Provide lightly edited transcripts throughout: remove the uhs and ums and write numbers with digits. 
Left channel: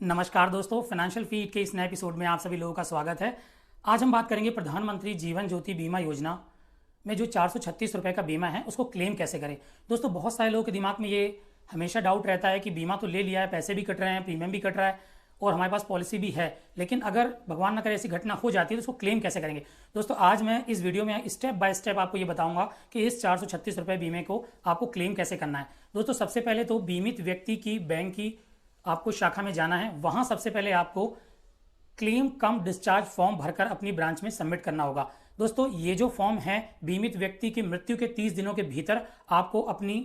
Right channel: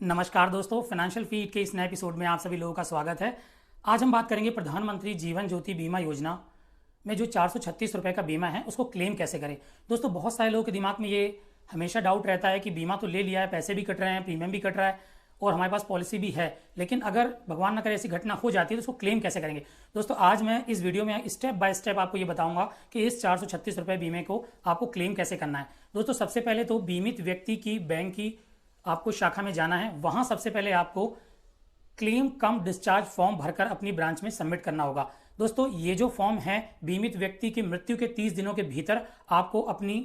नमस्कार दोस्तों, financial feed के इस नए एपिसोड में आप सभी लोगों का स्वागत है। आज हम बात करेंगे प्रधानमंत्री जीवन ज्योति बीमा योजना में जो 436 रुपए का बीमा है उसको क्लेम कैसे करें। दोस्तों, बहुत सारे लोगों के दिमाग में ये हमेशा डाउट रहता है कि बीमा तो ले लिया है, पैसे भी कट रहे हैं, प्रीमियम भी कट रहा है और हमारे पास पॉलिसी भी है, लेकिन अगर भगवान न करे ऐसी घटना हो जाती है तो उसको क्लेम कैसे करेंगे। दोस्तों, आज मैं इस वीडियो में स्टेप बाय स्टेप आपको ये बताऊंगा कि इस 436 रुपये बीमे को आपको क्लेम कैसे करना है। दोस्तों, सबसे पहले तो बीमित व्यक्ति की बैंक की आपको शाखा में जाना है। वहां सबसे पहले आपको क्लेम कम डिस्चार्ज फॉर्म भरकर अपनी ब्रांच में सबमिट करना होगा। दोस्तों, ये जो फॉर्म है बीमित व्यक्ति की मृत्यु के 30 दिनों के भीतर आपको अपनी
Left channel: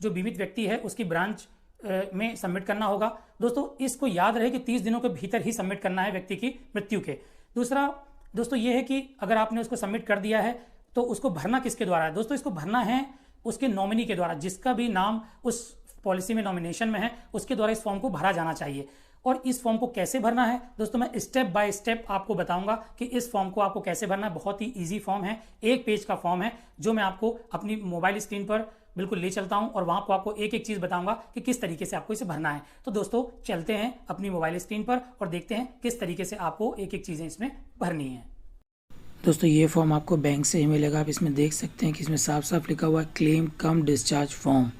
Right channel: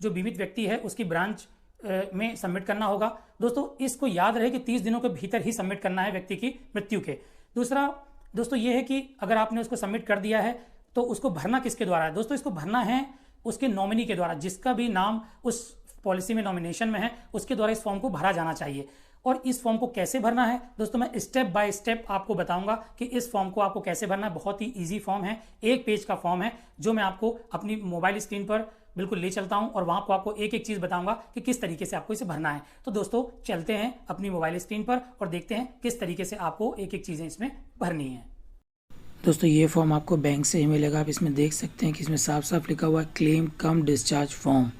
जो बीमित व्यक्ति है उसकी ब्रांच में सबमिट करना होगा। दोस्तों, इसको याद रहे कि 30 दिनों के भीतर ही सबमिट करना है व्यक्ति की मृत्यु के। दूसरा दोस्तों ये है कि अगर आपने उसको सबमिट कर दिया है तो उसको भरना किसके द्वारा है। दोस्तों, इसको भरना है उसके नॉमिनी के द्वारा, जिसका भी नाम उस पॉलिसी में नॉमिनेशन में है उसके द्वारा इस फॉर्म को भरा जाना चाहिए। और इस फॉर्म को कैसे भरना है दोस्तों, मैं स्टेप बाय स्टेप आपको बताऊंगा कि इस फॉर्म को आपको कैसे भरना। बहुत ही इजी फॉर्म है, एक पेज का फॉर्म है जो मैं आपको अपनी मोबाइल स्क्रीन पर बिल्कुल ले चलता हूं और वहां पर आपको एक एक चीज बताऊंगा कि किस तरीके से आपको इसे भरना है। तो दोस्तों, चलते हैं अपनी मोबाइल स्क्रीन पर और देखते हैं किस तरीके से आपको एक एक चीजें इसमें भरनी है। दोस्तों, ये फॉर्म आपको बैंक से ही मिलेगा। आप इसमें देख सकते हैं कि इसमें साफ साफ लिखा हुआ है claim cum discharge form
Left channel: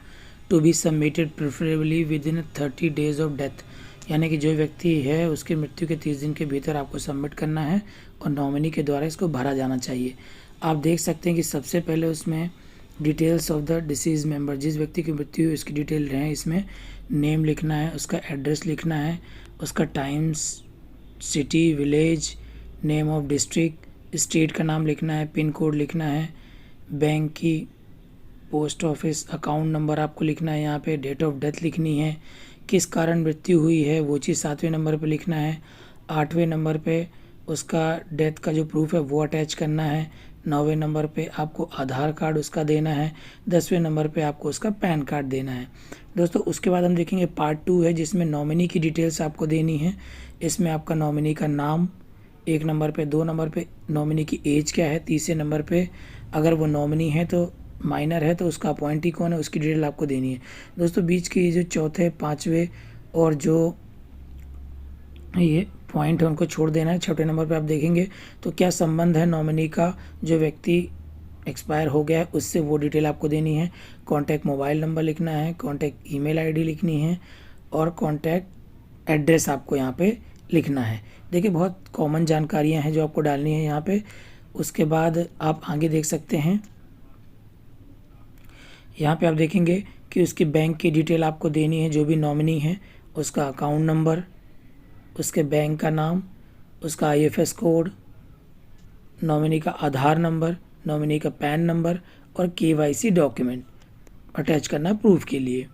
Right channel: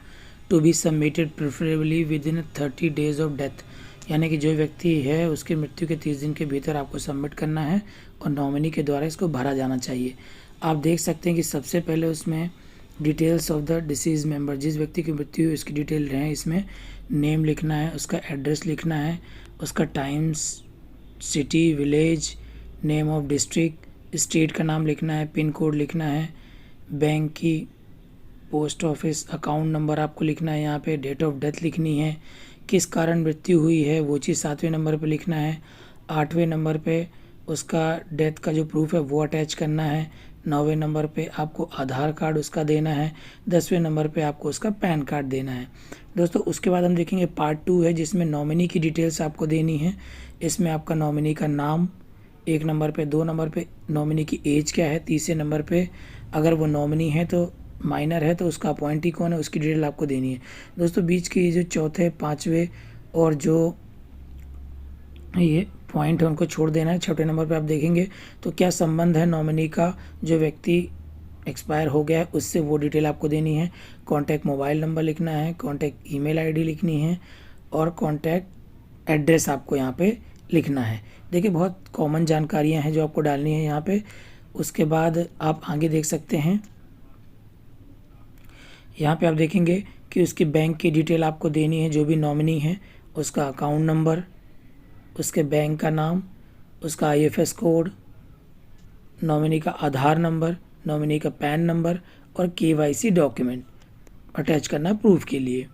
to be submitted preferably within 30 days of death. यानी कि जो व्यक्ति है उसकी मृत्यु के 30 दिन के भीतर आपको सबमिट करना है और नॉमिनी के द्वारा इसको भरा जाना चाहिए। आप देख सकते हैं कि सबसे पहले उसमें details of the disease member, जिस व्यक्ति की मृत्यु हुई उसकी डिटेल है, इसमें नेम लिखना है, उसका एड्रेस लिखना है, उसका times, city, village, name of district, state का नाम लिखना है, पिन कोड लिखना है, बैंक की, पोस्ट ऑफिस, अकाउंट नंबर आपको लिखना है, यहाँ पे डेट ऑफ डेथ लिखनी है, किस कारण मृत्यु हुई है वो चीज़ 7वें नंबर पे लिखना है, 8वें नंबर पे उसका डेथ का जो प्रूफ है वो अटैच करना है, 9वें नंबर पे आपको आधार कार्ड उसका देना है, 10वें नंबर पे आपको उसका पैन कार्ड देना है। दोस्तों, उसके बाद हम देखेंगे पार्ट 2 है जिसमें नॉमिनी की डिटेल्स आपको देनी है। इसमें आपका नॉमिनी का नाम 1 नंबर पे, 2 नंबर पे नॉमिनी की एज क्या है, तीसरे नंबर पे अगर वो नॉमिनी है तो माइनर है तो उसका अपॉइंटी कौन है उसकी डिटेल आपको देनी है। दोस्तों, बीच की जो चौथे, पाँचवें और जो ये पॉइंट है उनको छोड़ देना है। छठे नंबर पे आप देखेंगे तो क्या संबंध है नॉमिनी का जो व्यक्ति एक्सपायर हो गया है उससे, वो डिटेल आपको देनी है। कॉन्टैक्ट मोबाइल नंबर लिखना है, कॉन्टैक्ट ईमेल आईडी लिखनी है और कॉन्टैक्ट एड्रेस आपको यहाँ पे लिखना है। देखिए, बहुत कॉमन जानकारियाँ हैं जो आपको डालनी है यहाँ पे। उसके बाद आप आगे देख सकते हैं, यहाँ पे आप देखेंगे कि उसकी बैंक की डिटेल आपको देनी है, जो भी नॉमिनी है उसका अकाउंट नंबर, उसके बैंक का नाम, उसका आईएफएस कोड, नॉमिनी का आधार नंबर, नॉमिनी का पैन नंबर और केवाईसी डॉक्यूमेंट अटैच करना प्रूफ के लिए।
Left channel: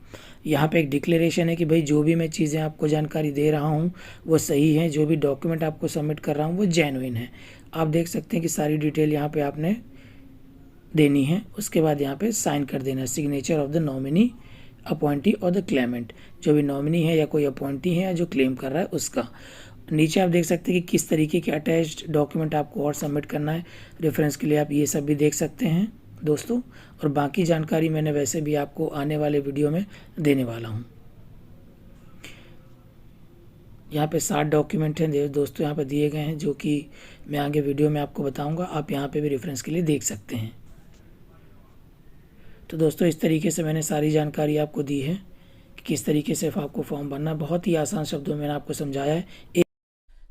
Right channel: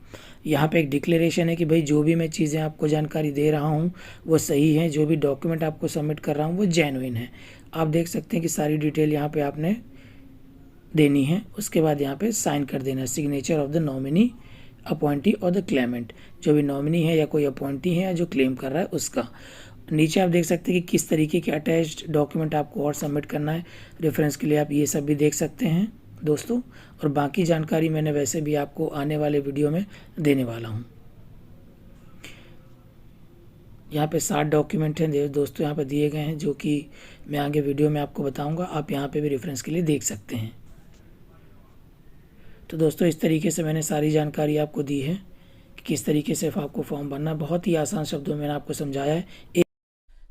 यहाँ पे एक डिक्लेरेशन है कि भाई जो भी मैं चीज़ें आपको जानकारी दे रहा हूँ वो सही है, जो भी डॉक्यूमेंट आपको सबमिट कर रहा हूँ वो जेन्युइन है। आप देख सकते हैं कि सारी डिटेल यहाँ पे आपने देनी है। उसके बाद यहाँ पे साइन कर देना है, signature of the nominee, appointee और द क्लेमेंट, जो भी नॉमिनी है या कोई अपॉइंटी है या जो क्लेम कर रहा है उसका। नीचे आप देख सकते हैं कि किस तरीके के अटैच्ड डॉक्यूमेंट आपको और सबमिट करना है। रेफरेंस के लिए आप ये सब भी देख सकते हैं दोस्तों, और बाकी जानकारी मैंने वैसे भी आपको आने वाले वीडियो में देने वाला हूँ। यहाँ पे 7 डॉक्यूमेंट हैं दोस्तों यहाँ पे दिए गए हैं, जो कि मैं आगे वीडियो में आपको बताऊँगा। आप यहाँ पे भी रेफरेंस के लिए देख सकते हैं। तो दोस्तों, इस तरीके से मैंने सारी जानकारी आपको दी है कि किस तरीके से आपको फॉर्म भरना, बहुत ही आसान शब्दों में मैंने आपको समझाया है।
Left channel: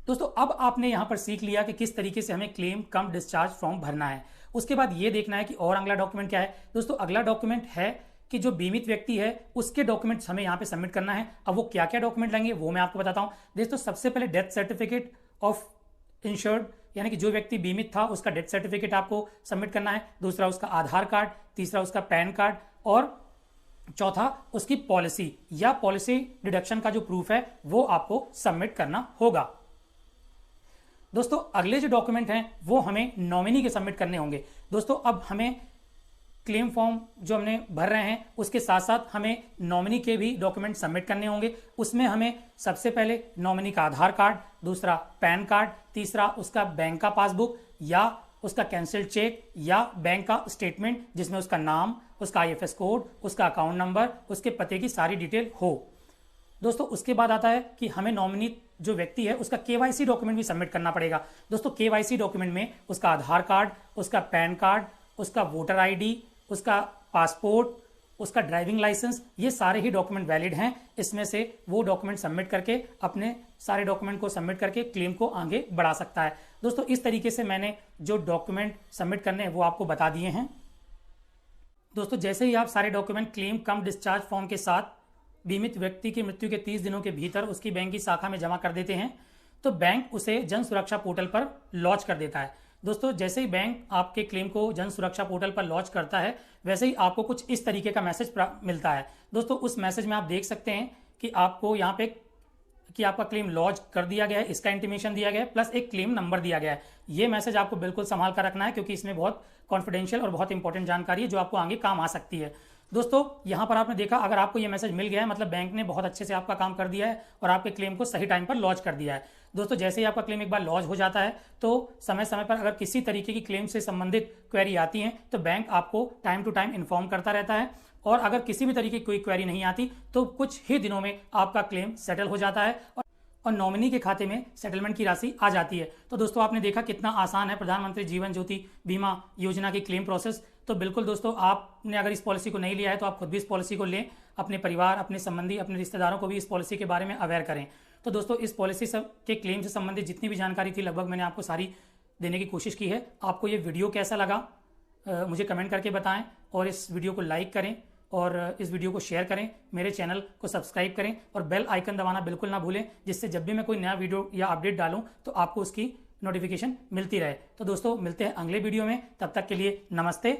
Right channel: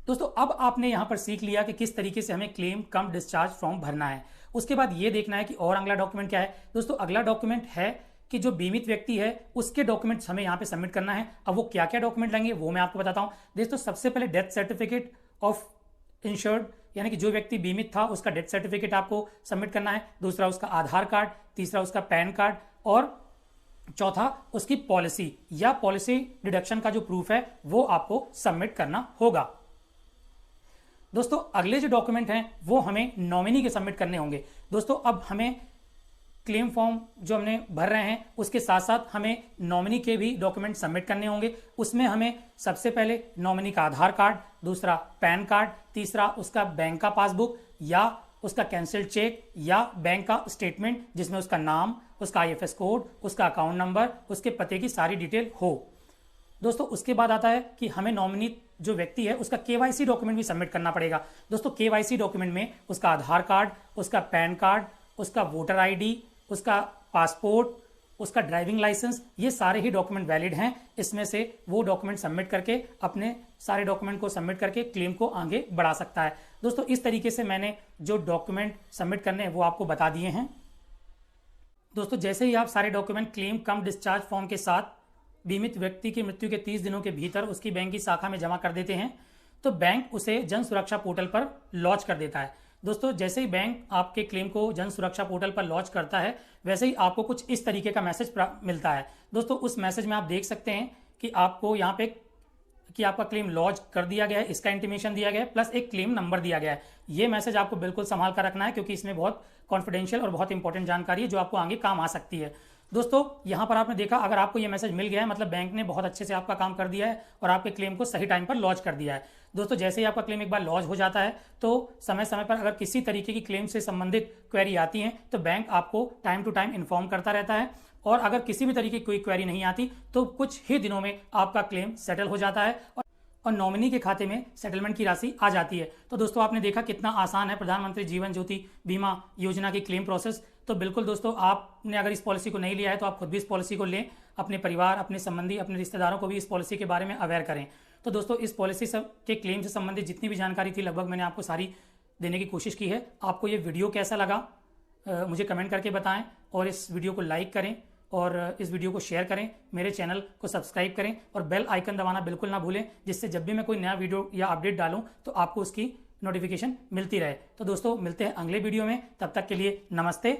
दोस्तों, अब आपने यहां पर सीख लिया कि किस तरीके से हमें क्लेम कम डिस्चार्ज फॉर्म भरना है। उसके बाद ये देखना है कि और अगला डॉक्यूमेंट क्या है। दोस्तों, अगला डॉक्यूमेंट है कि जो बीमित व्यक्ति है उसके डॉक्यूमेंट्स हमें यहाँ पे सबमिट करना है। अब वो क्या क्या डॉक्यूमेंट लेंगे वो मैं आपको बताता हूँ। दोस्तों, सबसे पहले डेथ सर्टिफिकेट ऑफ इंश्योर्ड, यानी कि जो व्यक्ति बीमित था उसका डेथ सर्टिफिकेट आपको सबमिट करना है। दूसरा उसका आधार कार्ड, तीसरा उसका पैन कार्ड और चौथा उसकी पॉलिसी या पॉलिसी डिडक्शन का जो प्रूफ है वो आपको सबमिट करना होगा। दोस्तों, अगले जो डॉक्यूमेंट हैं वो हमें नॉमिनी के सबमिट करने होंगे। दोस्तों, अब हमें क्लेम फॉर्म जो हमने भर रहे हैं उसके साथ साथ हमें नॉमिनी के भी डॉक्यूमेंट सबमिट करने होंगे। उसमें हमें सबसे पहले नॉमिनी का आधार कार्ड, दूसरा पैन कार्ड, तीसरा उसका बैंक का पासबुक या उसका कैंसिल्ड चेक या बैंक का स्टेटमेंट जिसमें उसका नाम, उसका आईएफएस कोड, उसका अकाउंट नंबर, उसके पते की सारी डिटेल हो। दोस्तों उसके बाद आता है कि हमें नॉमिनी जो व्यक्ति है उसका केवाईसी डॉक्यूमेंट भी सबमिट करना पड़ेगा। दोस्तों केवाईसी डॉक्यूमेंट में उसका आधार कार्ड, उसका पैन कार्ड, उसका वोटर आईडी, उसका पासपोर्ट, उसका ड्राइविंग लाइसेंस, ये सारे ही डॉक्यूमेंट वैलिड हैं। इसमें से वो डॉक्यूमेंट सबमिट करके अपने सारे डॉक्यूमेंट को सबमिट करके क्लेम को आगे बढ़ा सकता है। दोस्तों इस तरीके से मैंने जो डॉक्यूमेंट सबमिट करने हैं वो आपको बता दिए हैं। दोस्तों जैसे ही आप सारे document claim cum discharge form के साथ बीमित व्यक्ति की मृत्यु के 30 दिनों के भीतर उसकी बैंक की शाखा में जमा कर देते हैं तो बैंक उसे जन सुरक्षा पोर्टल पर लॉन्च कर देता है। दोस्तों जैसे ही बैंक आपके क्लेम को जन सुरक्षा पोर्टल पर लॉन्च करता है वैसे ही आपको कुछ इस तरीके का मैसेज मिलता है। दोस्तों उस मैसेज में आप देख सकते हैं कि आपको यहाँ पे कि आपका क्लेम लॉन्च कर दिया गया है, इसका इंटीमेशन दिया गया है, प्लस एक क्लेम नंबर दिया गया है। ये मैसेज आपको बिल्कुल संभाल कर रखना है क्योंकि इसमें बहुत कॉन्फिडेंशियल और बहुत इंपॉर्टेंट जानकारी है जो आपको आगे काम आ सकती है। दोस्तों यहाँ पर आपने देखा अगर आपको यह मैसेज मिल गया है मतलब बैंक ने बहुत अच्छे से आपका काम कर दिया है और आपके क्लेम को सही टाइम पर लॉन्च कर दिया है। दोस्तों जैसे ही आपका क्लेम एक बार लॉन्च हो जाता है तो समय समय पर अगर किसी तरीके की क्लेम से संबंधित क्वेरी आती है तो बैंक आपको टाइम टू टाइम इन्फॉर्म करता रहता है और अगर किसी भी तरीके की कोई क्वेरी नहीं आती तो कुछ ही दिनों में आपका क्लेम सेटल हो जाता है और नॉमिनी के खाते में सेटलमेंट की राशि आ जाती है। तो दोस्तों आपने देखा कितना आसान है प्रधानमंत्री जीवन ज्योति बीमा योजना की क्लेम प्रोसेस। तो बिल्कुल दोस्तों आपने अगर इस पॉलिसी को नहीं लिया है तो आप खुद भी इस पॉलिसी को लें, अपने परिवार, अपने संबंधी, अपने रिश्तेदारों को भी इस पॉलिसी के बारे में अवेयर करें। तो दोस्तों इस पॉलिसी के क्लेम से संबंधित जितनी भी जानकारी थी लगभग मैंने आपको सारी देने की कोशिश की है। आपको ये वीडियो कैसा लगा मुझे कमेंट करके बताएं और इस वीडियो को लाइक करें और इस वीडियो को शेयर करें, मेरे चैनल को सब्सक्राइब करें और बेल आइकन दबाना बिल्कुल ना भूलें जिससे जब भी मैं कोई नया वीडियो या अपडेट डालूं तो आपको उसकी नोटिफिकेशन मिलती रहे। तो दोस्तों मिलते हैं अगले वीडियो में, तब तक के लिए नमस्ते,